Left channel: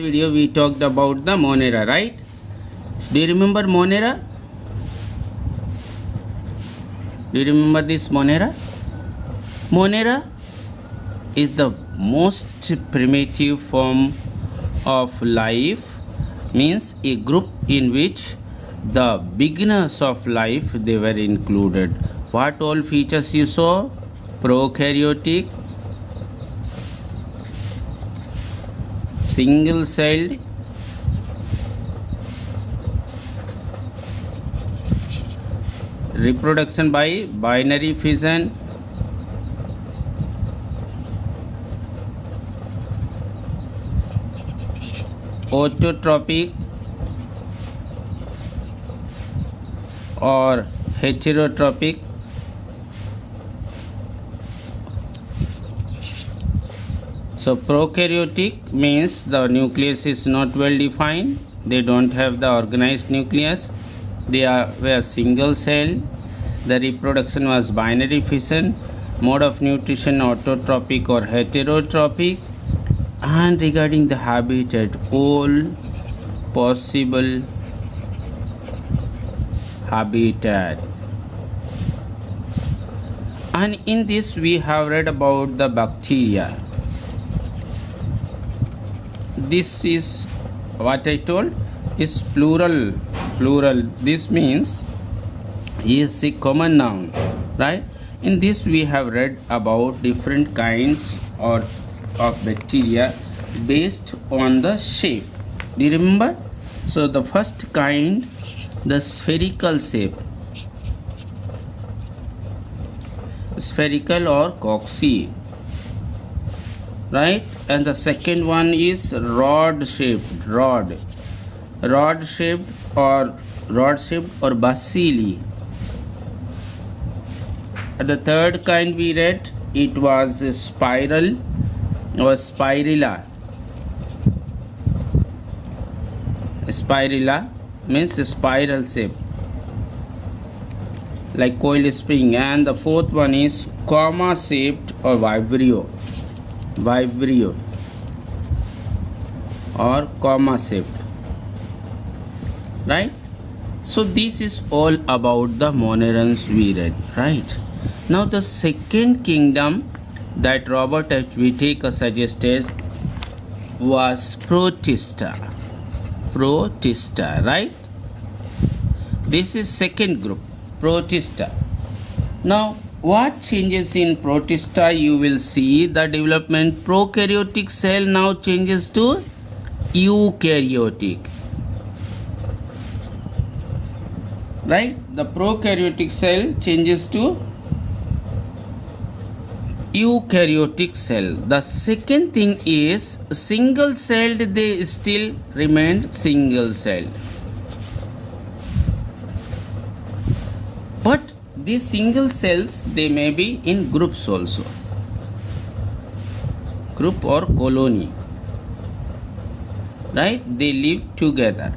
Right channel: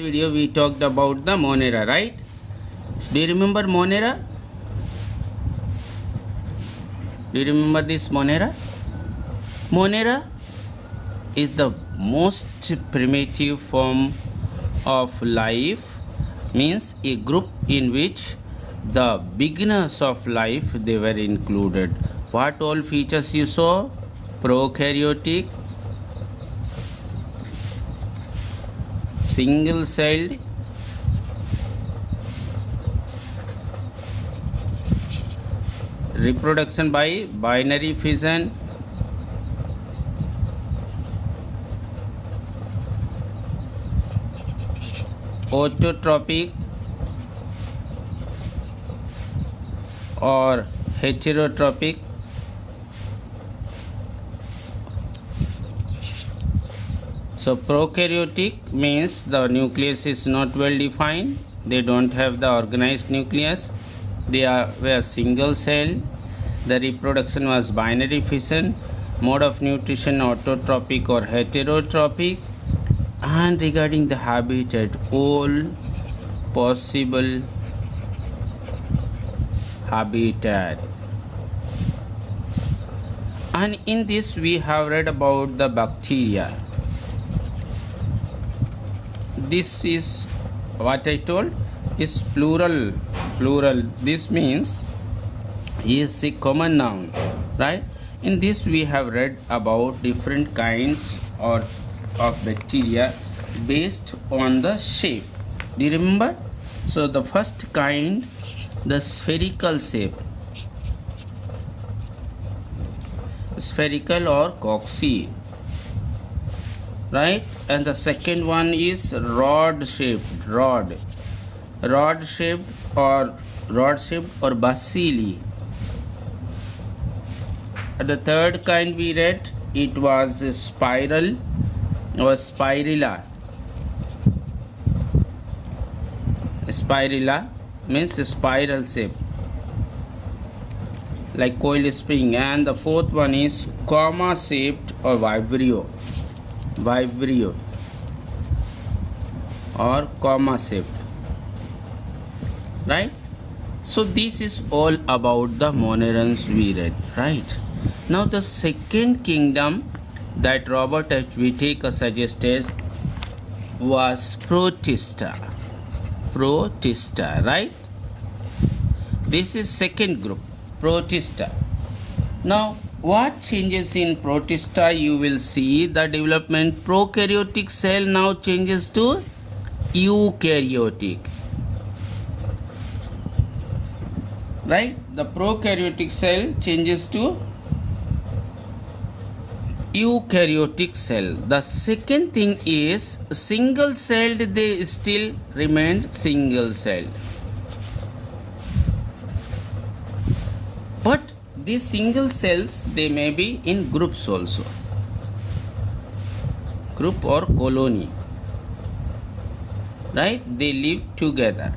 video we talked about the Monera, right? Do you remember Monera? Do you remember this Monera? Monera is the most primitive form of life, means a group in which the beginners of life they were included. What all features you saw? Prokaryotic, single celled, reproduction by binary fission, autotrophic or heterotrophic, so prokaryotic means the nucleus is not well defined, they don't have the organized nucleus, they were single cell, the reproduction was binary fission, mode of nutrition autotrophic or heterotrophic, and regarding the habitat, all possible habitat. And in this we have read about the bacteria. This is what I told is plural. This means is a common noun, right? In this we have read about different kinds of bacteria based on the shape. Do you remember? So the first kind, the spherical shape, spherical or coxy, right? And the second one is rod shaped or bacilli. And the third kind we read, it was a spiral or spirilla. Spirilla means a spiral shape like coil spring. And the fourth one is comma shaped or vibrio or comma shaped, right? So this is all about the Monerans we read, right? Now the second kingdom that Robert H. Whittaker suggested was Protista, right? This is second group, Protista. Now what changes in Protista? You will see the development. Prokaryotic cell now changes to eukaryotic, right? The prokaryotic cell changes to eukaryotic cell. The second thing is single celled, they still remained single celled, but these single cells they may be in groups also, group or colony, right? They live together.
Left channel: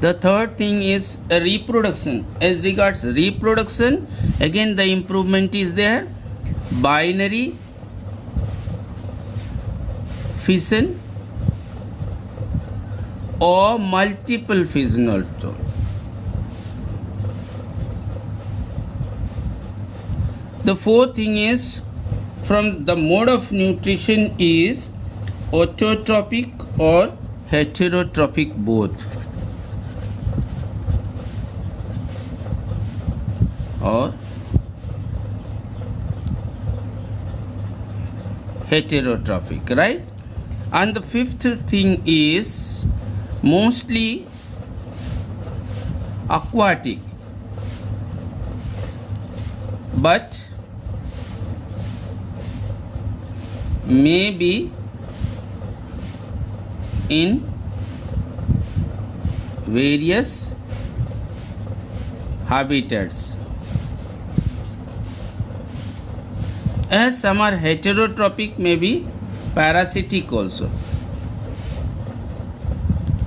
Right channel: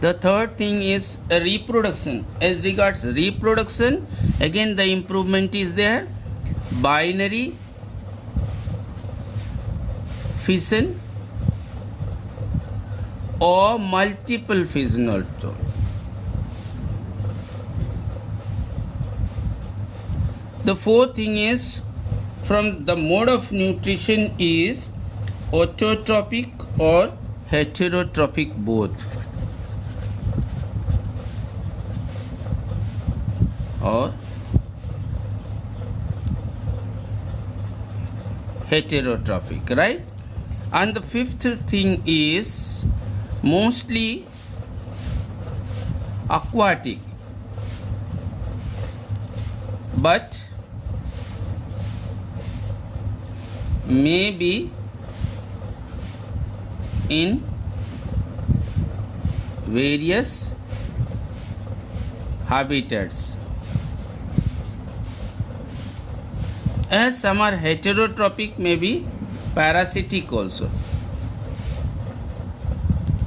The third thing is reproduction. As regards reproduction, again the improvement is there. Binary fission or multiple fission also. The fourth thing is from the mode of nutrition is autotrophic or heterotrophic both, or heterotrophic, right? And the fifth thing is mostly aquatic, but may be in various habitats. As some are heterotrophic, may be parasitic also,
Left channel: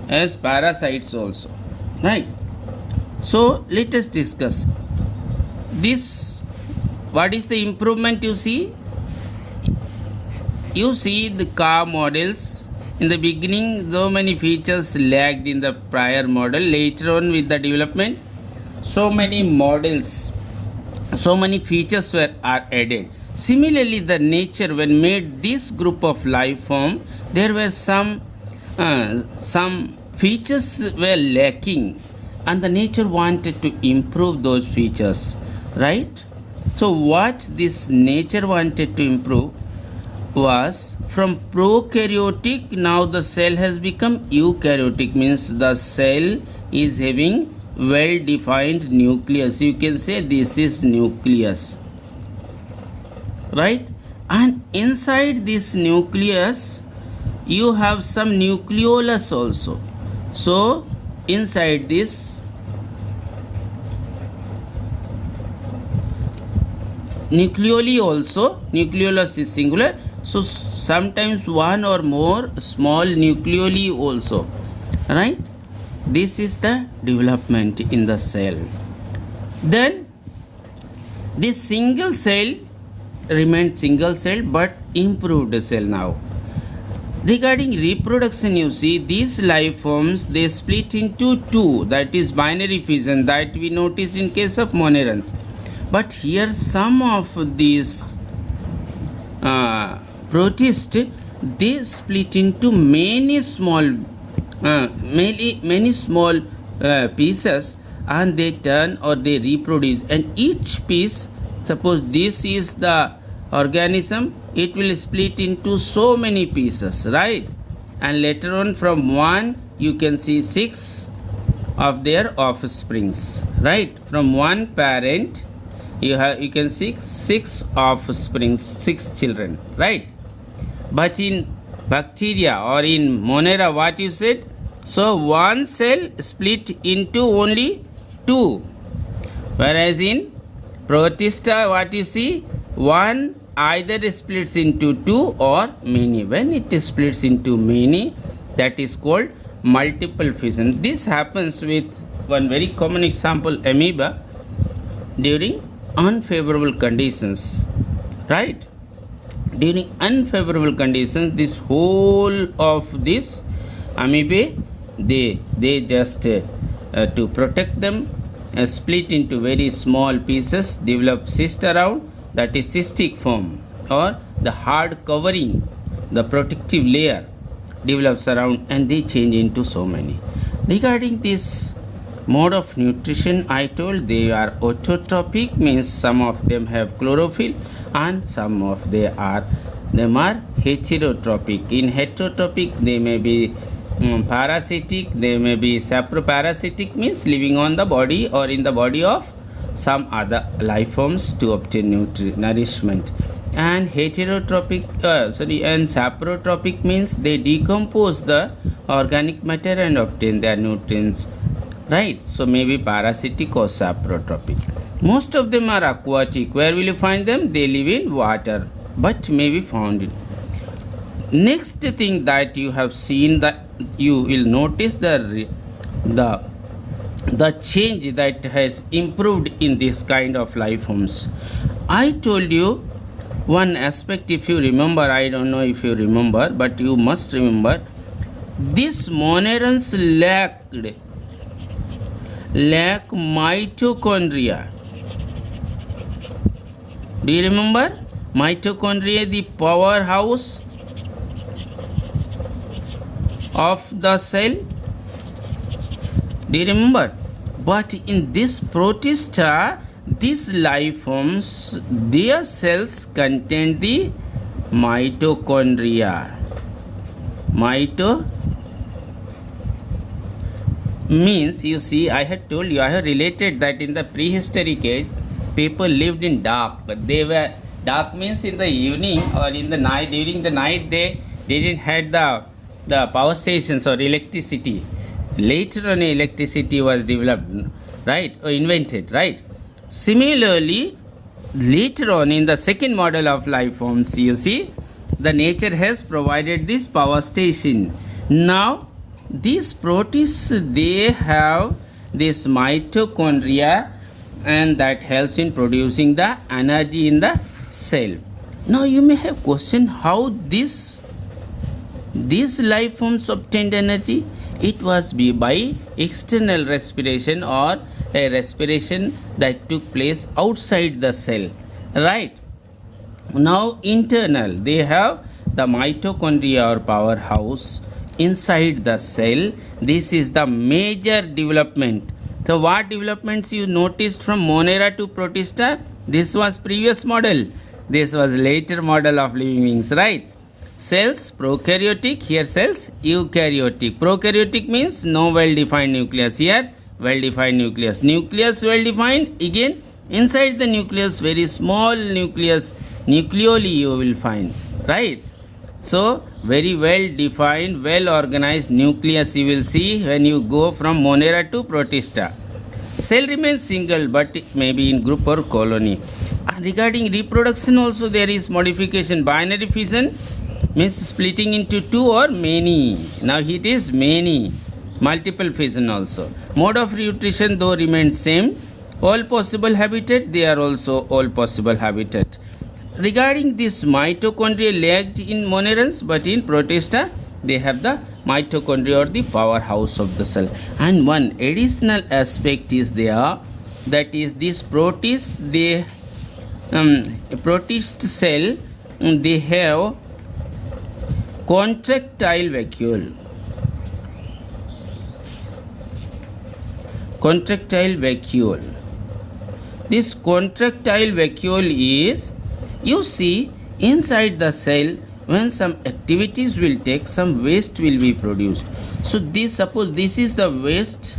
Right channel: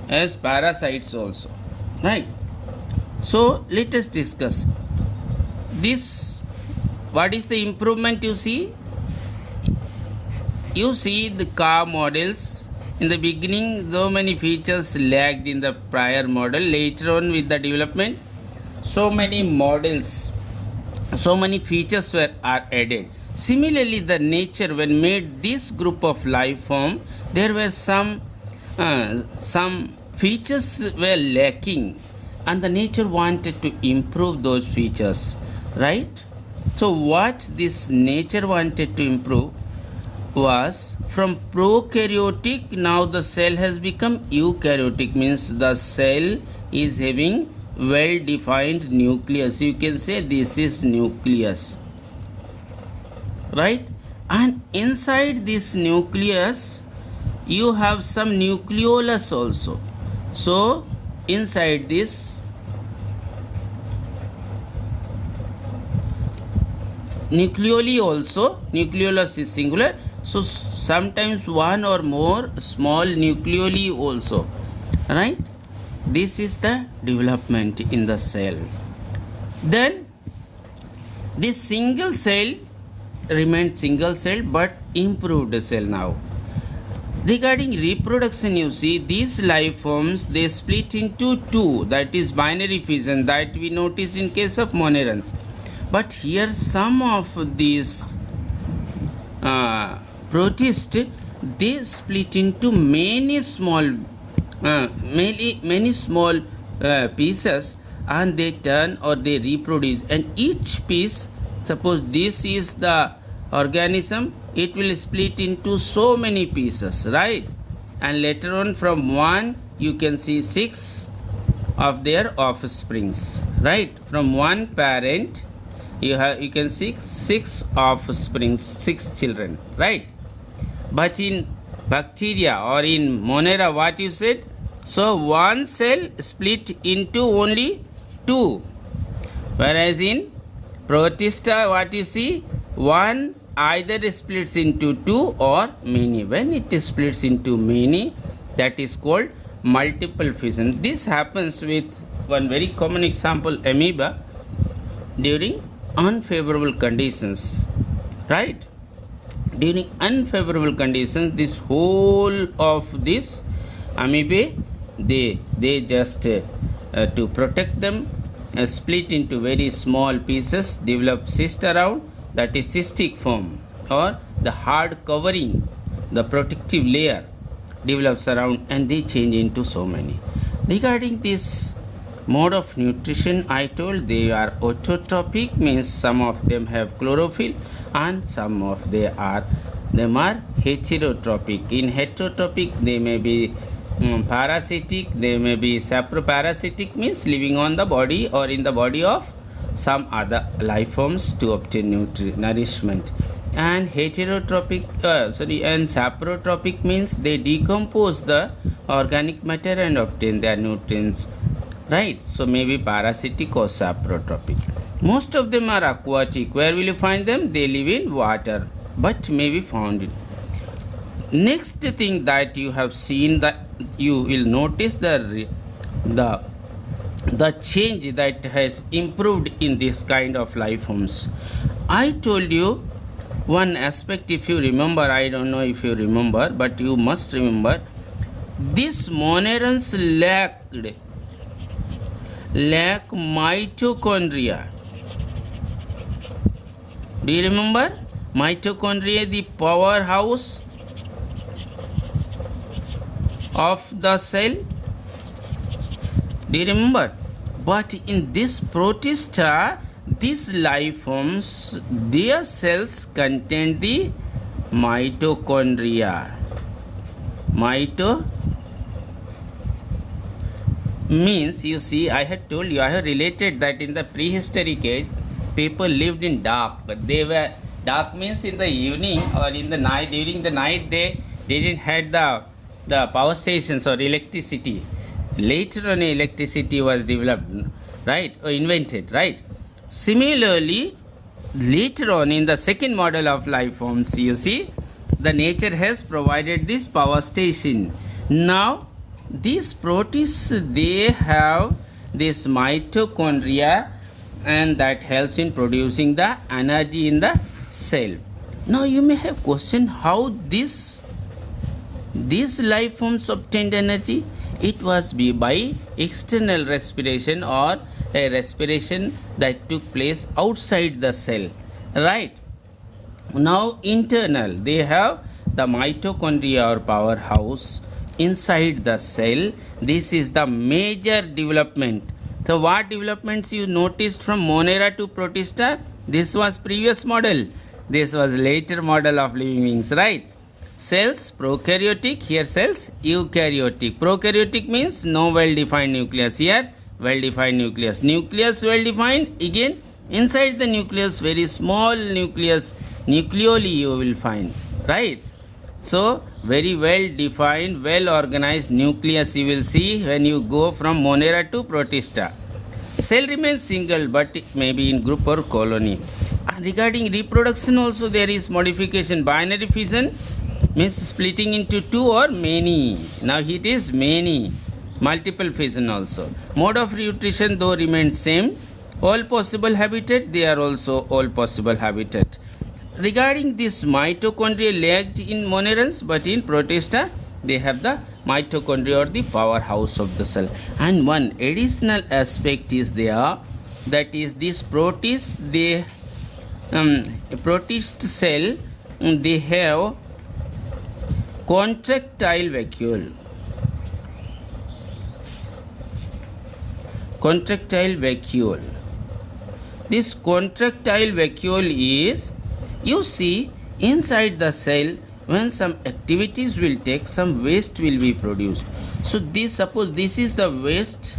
as parasites also, right? So let us discuss this. What is the improvement you see? You see the cow models In the beginning, so many features lagged in the prior model. Later on, with the development, so many models, so many features are added. Similarly, the nature, when made this group of life form, there were some features were lacking, and the nature wanted to improve those features, right? So what this nature wanted to improve was from prokaryotic, now the cell has become eukaryotic, means the cell is having well defined nucleus. You can say this is nucleus, right? And inside this nucleus you have some nucleolus also. So inside this nucleoli also, nucleolus is singular, so sometimes one or more small nucleoli also, right? This is the development in the cell. Then this single cell remained single cell but improved cell now. Regarding reproduction, you see these life forms, they split into two, that is binary fission, that we notice in case of monerans. But here some of these protists, they split into many small pieces, and they turn or they reproduce, and each piece, suppose this is the organism, it will split into so many pieces, right? And later on from one you can see 6 of their offsprings, right? From one parent you can see 6 offsprings, 6 children, right? But in bacteria or in Monera, what you said? So one cell split into only 2, whereas in Protista, what you see? One either splits into 2 or many. When it splits into many, that is called multiple fission. This happens with one very common example, amoeba, during unfavorable conditions, right? During unfavorable conditions, this whole of this amoeba, they just to protect them, split into very small pieces, develop cyst around, that is cystic form, or the hard covering, the protective layer develops around, and they change into so many. Regarding this mode of nutrition, I told they are autotrophic, means some of them have chlorophyll and some of them are heterotrophic. In heterotrophic, they may be parasitic, they may be saproparasitic, means living on the body or in the body of some other life forms to obtain nourishment. And heterotrophic and saprotrophic means they decompose the organic matter and obtain their nutrients, right? So maybe parasitic or saprotrophic. Most of them are aquatic. Where will you find them? They live in water, but may be found in. Next thing that you have seen, that you will notice the change that has improved in this kind of life forms. I told you one aspect, if you remember, I don't know if you remember, but you must remember, these monerans lack mitochondria. Do you remember? Mitochondria, the powerhouse of the cell. Do you remember? But in this protista, these life forms, their cells contain the mitochondria. Means, you see, I had told you, I have related that in the prehistoric age, people lived in dark, but they were, dark means in the evening or in the night, during the night they didn't have the power stations or electricity. Later on electricity was developed, right, or invented, right? Similarly, later on in the second model of life forms, you see, the nature has provided this power station. Now, these protists, they have this mitochondria, and that helps in producing the energy in the cell. Now, you may have questioned how this These life forms obtained energy. It was by external respiration or a respiration that took place outside the cell. Right. Now internal, they have the mitochondria or powerhouse inside the cell. This is the major development. So what developments you noticed from Monera to Protista? This was previous model. This was later model of living beings, right? Cells prokaryotic, here cells eukaryotic. Prokaryotic means no well-defined nucleus, here well-defined nucleus. Nucleus well-defined, again inside the nucleus very small nucleus, nucleoli you will find, right? So very well-defined, well-organized nucleus you will see when you go from Monera to Protista. Cell remains single but it may be in group or colony. And regarding reproduction also there is modification. Binary fission means splitting into two or many. Now it is many. Multiple fission also. Mode of nutrition though remains same. All possible habitat, they are also all possible habitat. Regarding this mitochondria lacked in Monerans, but in Protista they have the mitochondria or the powerhouse of the cell. And one additional aspect is there, that is this protist, they protist cell, they have contractile vacuole. Contractile vacuole. This contractile vacuole is, you see, inside the cell when some activities will take, some waste will be produced. So this, suppose this is the waste.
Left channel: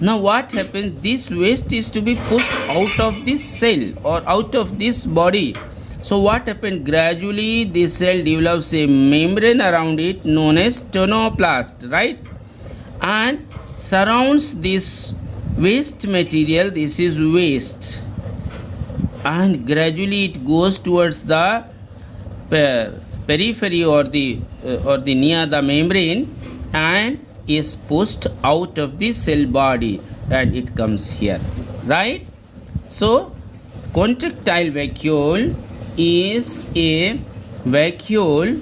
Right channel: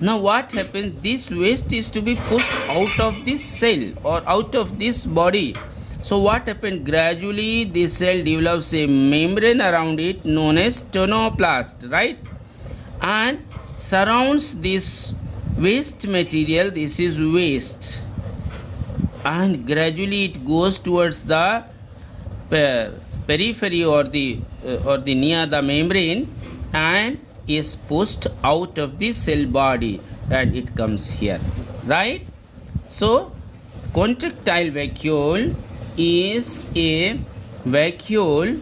Now what happens, this waste is to be pushed out of this cell or out of this body. So what happened, gradually this cell develops a membrane around it known as tonoplast, right? And surrounds this waste material, this is waste, and gradually it goes towards the periphery or the near the membrane and is pushed out of the cell body and it comes here, right? So contractile vacuole is a vacuole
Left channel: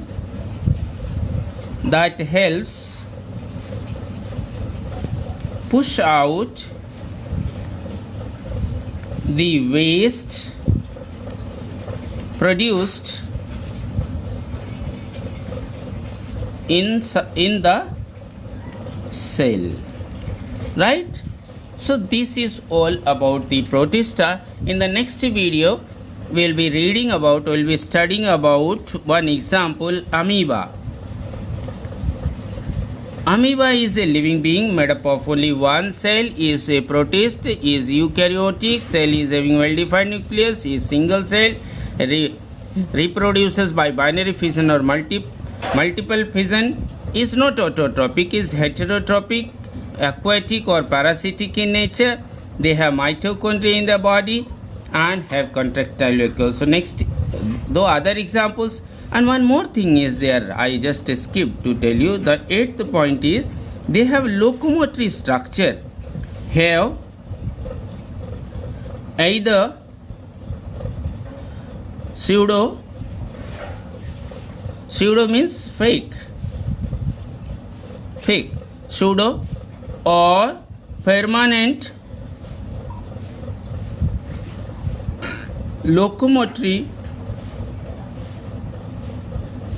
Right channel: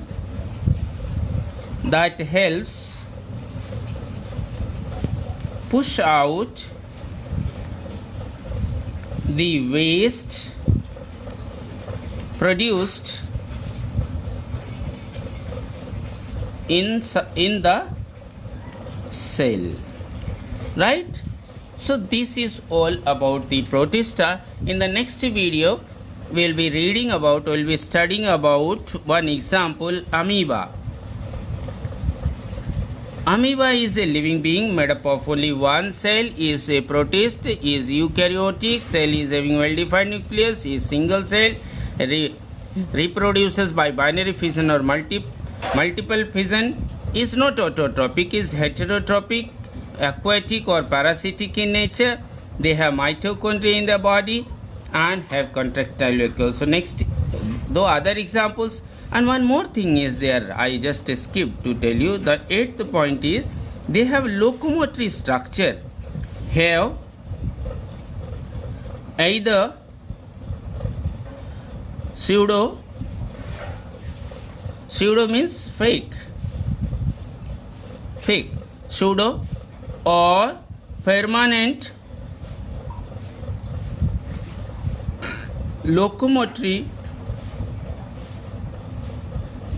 that helps push out the waste produced in the cell, right? So this is all about the Protista. In the next video we will be studying about one example, amoeba. Amoeba is a living being made up of only one cell, is a protist, is eukaryotic, cell is having well-defined nucleus, is single cell, reproduces by binary fission or multiple fission, is not autotrophic, is heterotrophic, aquatic or parasitic in nature. They have mitochondria in the body and have contractile vacuole. So next, though other examples. And one more thing is there, I just skipped to tell you. The eighth point is they have locomotory structure, have either pseudo means fake, pseudo, or permanent locomotory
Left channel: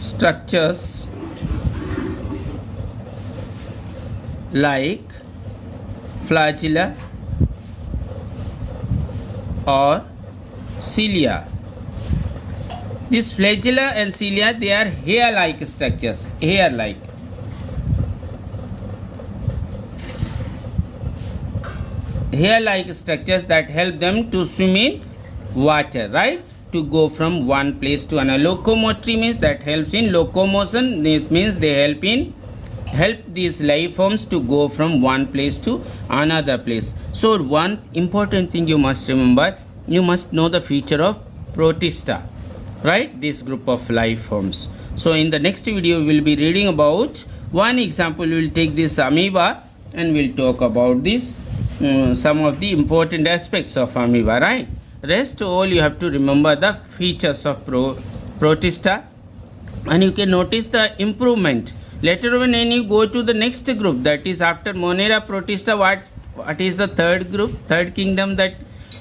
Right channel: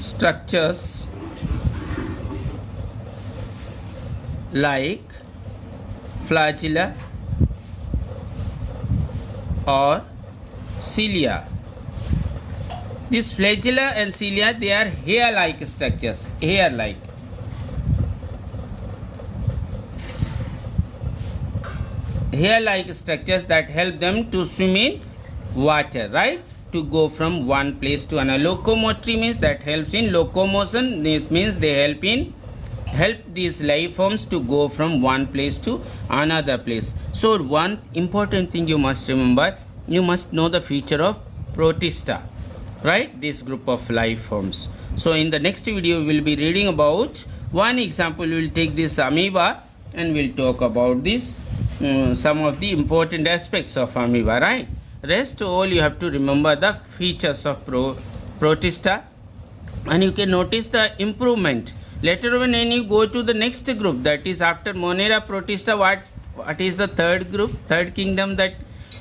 structures like flagella or cilia. These flagella and cilia, they are hair-like structures, hair-like. Hair-like structures that help them to swim in water, right? To go from one place to another. Locomotory means that helps in locomotion. It means they help these life forms to go from one place to another place. So one important thing you must remember, you must know the feature of Protista, right? This group of life forms. So in the next video we will be reading about one example. We will take this amoeba and we will talk about this some of the important aspects of amoeba, right? Rest all you have to remember the features of Protista. and you can notice the improvement. Later on, when you go to the next group, that is after Monera protista, what is the third group, third kingdom that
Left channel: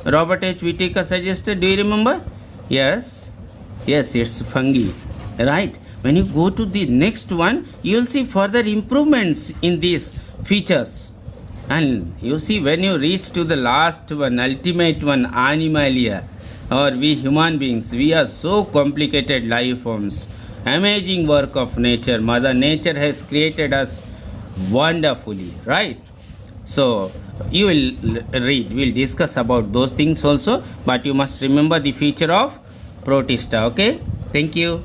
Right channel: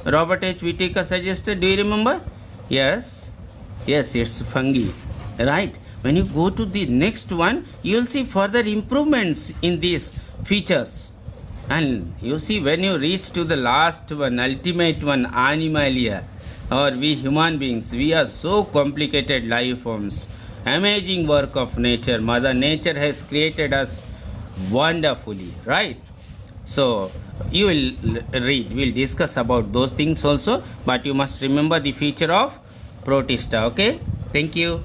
Robert H. Whittaker suggested? Do you remember? Yes, it's fungi, right? When you go to the next one, you will see further improvements in these features. And you see, when you reach to the last one, ultimate one, Animalia, or we human beings, we are so complicated life forms. Amazing work of nature. Mother Nature has created us wonderfully, right? So you will read, we'll discuss about those things also, but you must remember the feature of protista. Okay, thank you.